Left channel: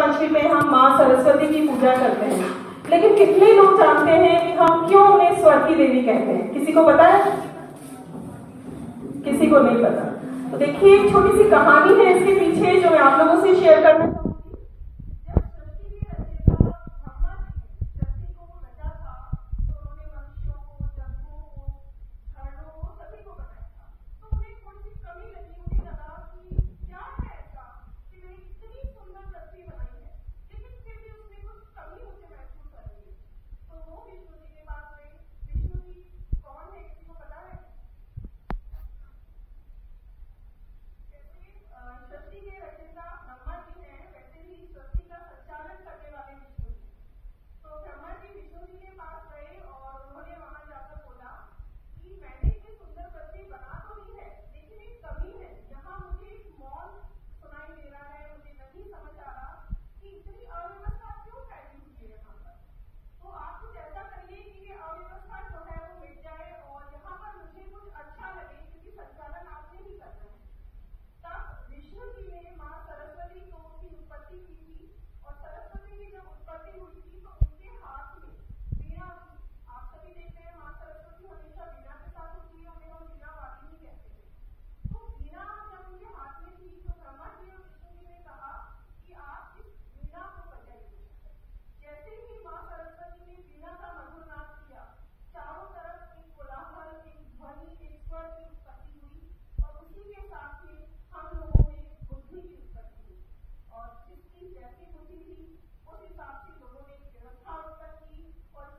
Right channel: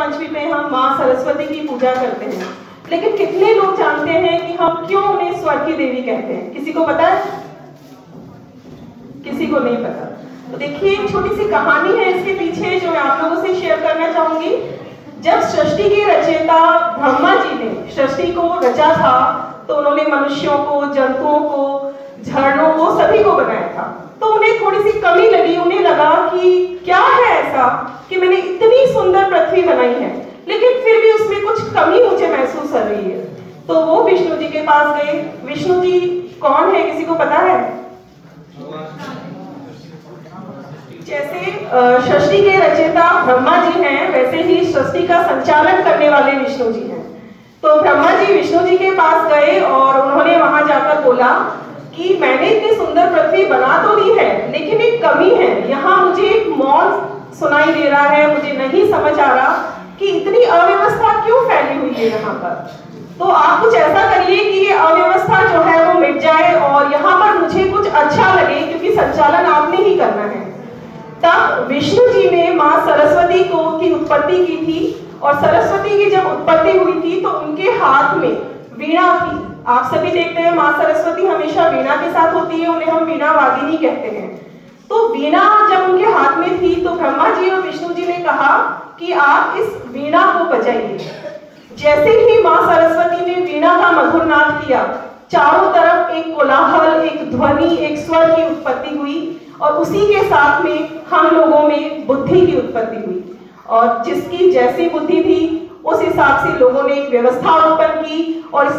पंचमी में हम माँ सरस्वती की पूजा करते हैं, लेकिन कितने लोग जानते हैं कि हम क्यों उन्हें स्वर की देवी कहते हैं? किसी को पता है? किसी को नहीं पता। तो देखिए, एक छोटी सी कहानी है इसके पीछे जो मैं आप लोगों से शेयर करना चाहूंगी। जब सृष्टि के रचयिता ब्रह्मा जी ने सृष्टि को रचा था, तो उन्होंने मनुष्यों को, जंतुओं को, झरनों को, सभी को बनाया था। तो उन्हें थोड़ी सी कमी लगी। उन्हें लगा कि क्या है ऐसा कि मैंने इतनी सुंदर पृथ्वी बनाई है, लेकिन फिर भी उसमें कुछ कमी मुझे महसूस कर रही है। तो वो विष्णु जी के पास गए। विष्णु जी कौन है, किसी को पता है? जैसे सृष्टि के रचयिता ब्रह्मा जी हैं, वैसे ही सृष्टि का संचालन करने वाले विष्णु जी हैं। तो ब्रह्मा जी विष्णु जी के पास गए और उन्होंने वहां जाकर बोला कि मैंने इतनी सुंदर पृथ्वी बना तो ली है, लेकिन एक कमी है। यहाँ मुझे एक मौन सुनाई दे रहा है। मुझे नहीं समझ आ रहा कि इतनी अव्यवस्था क्यों फैली हुई है यहाँ पर। तो आप कुछ ऐसा करिए कि ये अव्यवस्था जो है वो मिट जाए और यहाँ पर मुझे कुछ अच्छा लगे, क्योंकि संचालन आपने ही करना है। तब विष्णु जी ने माँ सरस्वती की उत्पत्ति की थी, और सरस्वती की जब उत्पत्ति हुई थी तो उनके हाथ में वीणा थी। आप सभी देखते हैं माँ सरस्वती हमेशा वीणा के साथ होती है, उन्हें हम वीणा वादिनी कहते हैं। तो वीणा जब उनके हाथ में थी तो ब्रह्मा जी और विष्णु जी ने कहा कि आप इस वीणा को बजाइए। जैसे ही माँ सरस्वती ने वीणा का मधुर नाद किया, चारों तरफ एक कोलाहल, एक ध्वनि, एक स्वर की उत्पत्ति हुई, और उसी के साथ में हम लोगों में बुद्धि की उत्पत्ति हुई। और जिसकी जैसी बुद्धि थी उस हिसाब से लोगों ने एक व्यवस्था उत्पन्न की और इस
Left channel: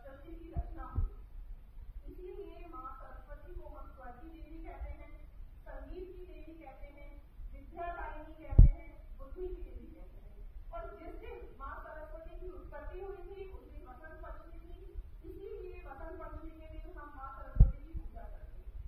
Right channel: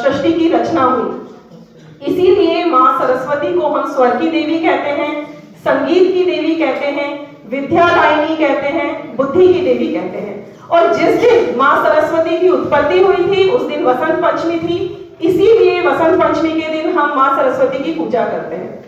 सृष्टि की रचना हुई। इसीलिए माँ सरस्वती को हम स्वर की देवी कहते हैं, संगीत की देवी कहते हैं, विद्यादायिनी कहते हैं, बुद्धि की देवी कहते हैं। और जिस दिन माँ सरस्वती की उत्पत्ति हुई थी उस दिन वसंत पंचमी थी, इसीलिए वसंत पंचमी के दिन हम माँ सरस्वती की पूजा करते हैं।